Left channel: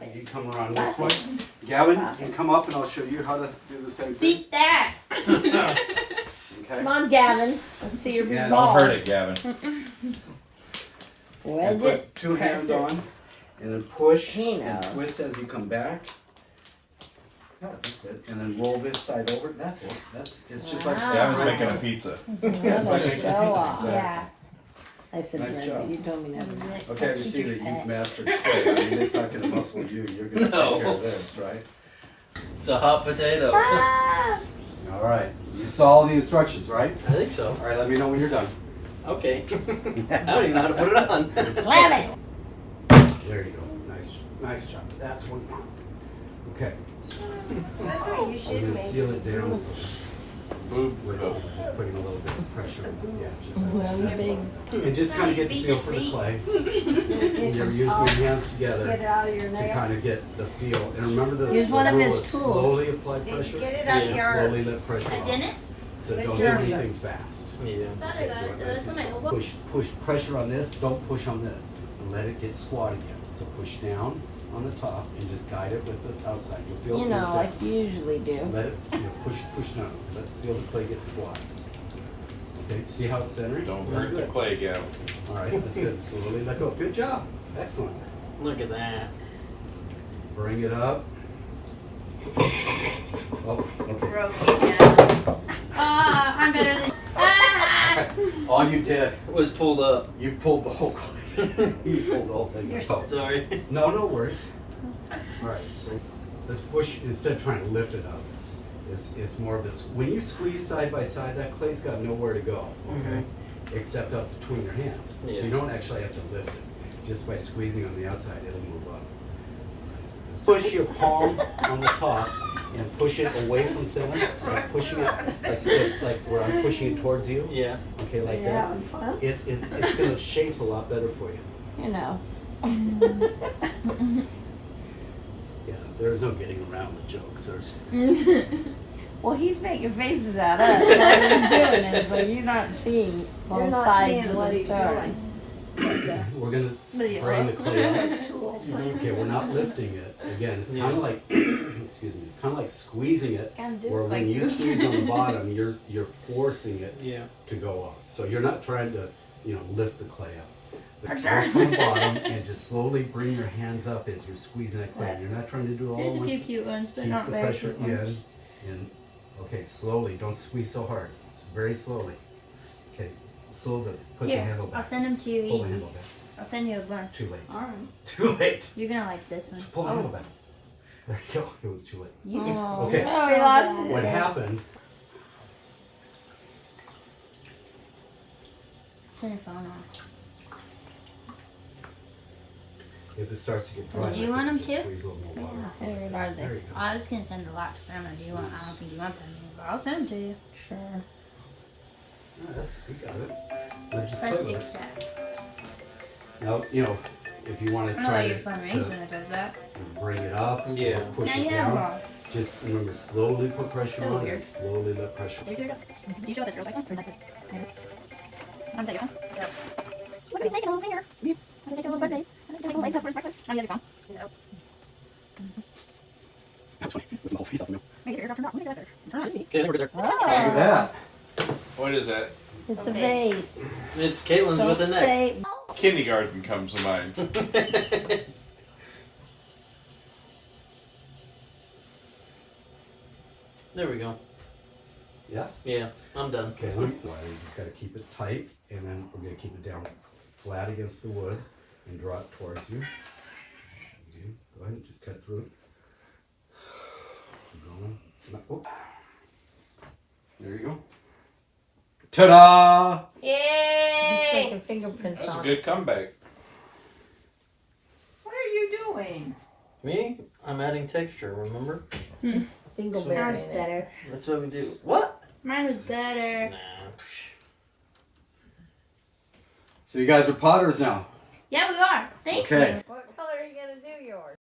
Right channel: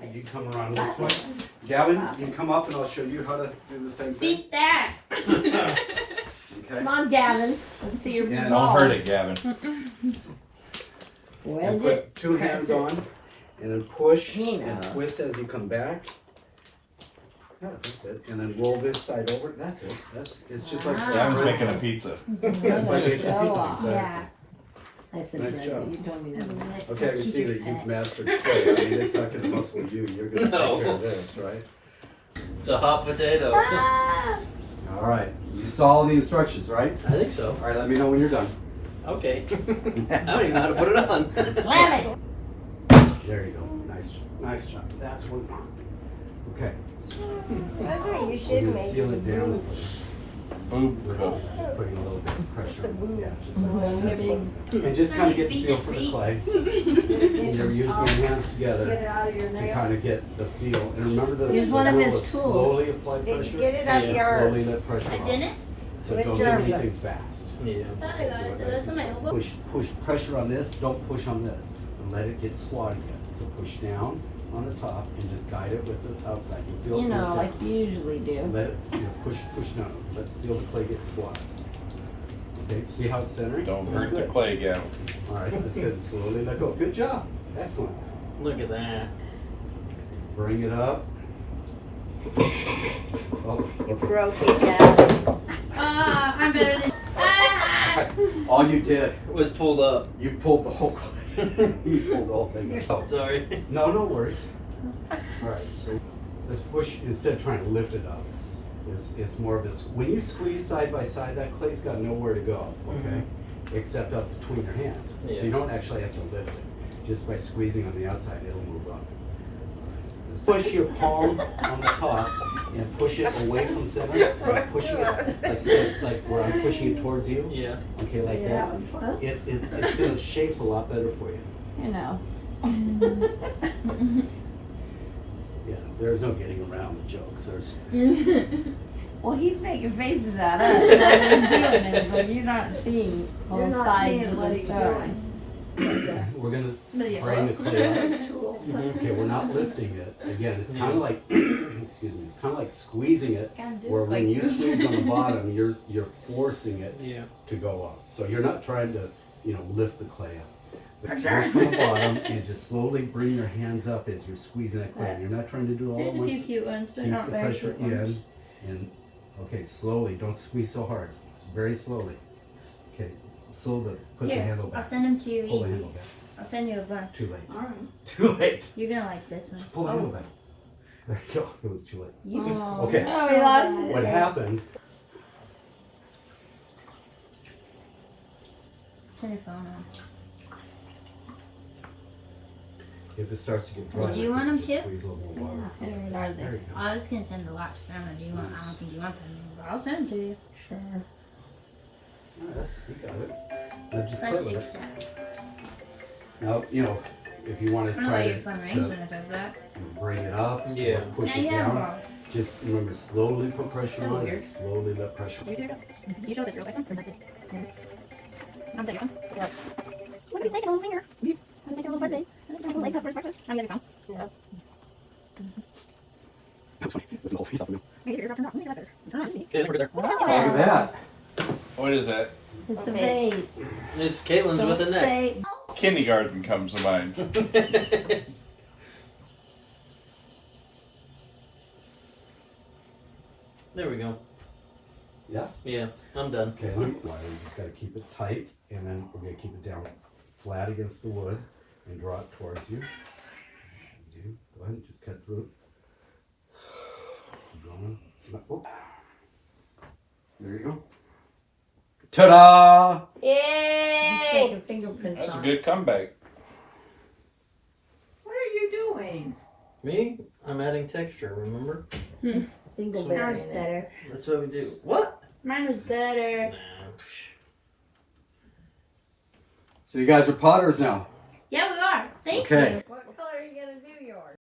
And you come around this way. Gavin, you can come up and I'll show you how to do the same thing. Beat that. Okay. Come on, Gavin. Let's see your Yeah, ball. Don't hurt it, Gavin. And Wedge put it. two press hands it. on and then push He and knows. twist as you come back. Yeah, that's it. And then roll this side over. That's it. It's just like Wow. Gavin's making a pizza. That's like making Show pizza, off. exactly. Yeah. Listen, Nice Jeremy, job. you told me never. Okay, we see that you've mastered clay. I mean, it's not going to muscle you. You're going to take care of this, right? It's a hot potato. All right. You saw all the instructions, right? I think so. All right, let me know when you're done. Okay. I don't even know how to put it on. Slam it. There you go. Nice job. That's what we want. Okay. That's what you We're should going to make. seal it down Boom. with putting a little bit of pressure. Yeah, just like Boom. that. And just kind of get the feel for the clay. And you're using your hands Get together it out of your to nail. kind of get the feel. And remember the Use one of rule his is tools. slowly apply pressure. Get it up Yeah, Slowly yours. let pressure I on. didn't. So With don't do German. anything fast. Yeah. I thought I got it. That's on my elbow. Push pressure on this, don't push on this. And let it get squat again. So push down on the top and just guide it with the outside. You'll feel You it know, down. like you usually do. Let it, push down. Feel the clay get squat. Okay, see how it's centering? Don't That's hurt the good. clay, Gavin. All right, that's good. Slowly let go. Good job. Excellent. Look at that. Bring it up. Oh, okay. Broke it down. I'm better than. Ah! All you did, It was pulled up. you pulled the whole clay. You pulled the whole thing. Oh, Sorry. no worries. All right, so let's push, instead of trying to lift it up, it's more of a, when you squeeze side by side, that clay's got nowhere to go, okay? Except up between your hands. Yeah. So you don't actually have to lift it. Just by squeezing on the outside, it'll move up. Push your palm on the top and push it away from center, like pushing it like this, like where I'm pushing it towards you. Yeah. Okay, like Yeah. that. It's gonna shape a lot better for you. You know. Yeah, there's no getting around the jokes. Well, he's making faces at us while he's doing it, so you're not seeing You're both not sides seeing of what the he's story. doing. We're gonna Video. bring the clay up. Tools. Okay, we're not lifting it. Again, it's kind of Yeah. like, excuse me, it's kind of like squeezing it, Kinda do where like when you you. squeeze on the bottom, you're forcing it Yeah. to go up. So you're not trying to, lift the clay up. But For go sure. from the bottom and just slowly bring your hands up as you're squeezing that clay. You're not trying to do it all There's at a few once. cute ones, but Keep not the very pressure cute ones. in, and okay, slowly. Don't squeeze so hard. Very slowly. Okay, slowly. Put the Here, handle I'll back. send them to you Pull the easy. handle back. I'll send you a bunch. Too late. Alright. Too late. You're gonna like this one. Pull the handle back. There you go. It was too late. You Okay. Oh, we lost What it. happened? Turn your phone off. If it starts to get dry, Well, do you I want think them just to? Squeeze a little more water. Where are There they? you go. I was gonna send a lot to family. Do you want? I don't think you want them, but I'll send them to you. Sure. Oh, that's, you got it. Now just Press play with it. accept. Now, if you want to I know try your to, phone rings when it does that. bring it up, Yeah. or push Yeah, it yeah, down, well. just remember slowly put pressure So on and weird. slowly let pressure. Where's your phone? Do you show this real quick? Or is that it? I'm your phone. What are you taking a little finger? I'm gonna take a little butt face. I'm gonna take a leg up for breakfast. Oh, you have your phone? Yes. That's funny. With the whole piece off now. Make your eardrum turn on. Make it turn on. Yeah, we're there. Look at that. What is that? It's a vase. It's Katelyn's with a Don't neck. say Kindergarten comes to mind. There we go. Yeah? Yeah, I'm done. Okay, you just got to keep it tight, and then we're going to keep it down flat against the wood and draw it towards you. Okay, go ahead and just cut through it. Keep going. Oh. There you go. Ta-da! he's Yay! taking fingerprints That's a on. good comeback. What are you doing? Me? I'm adding texture, remember? Mine Dingleberry was in it. better. That's what we do. What? Mine was better. Nah. So you guys are potters now. Yeah, we are. Thank Okay. you. What color are you gonna do yours?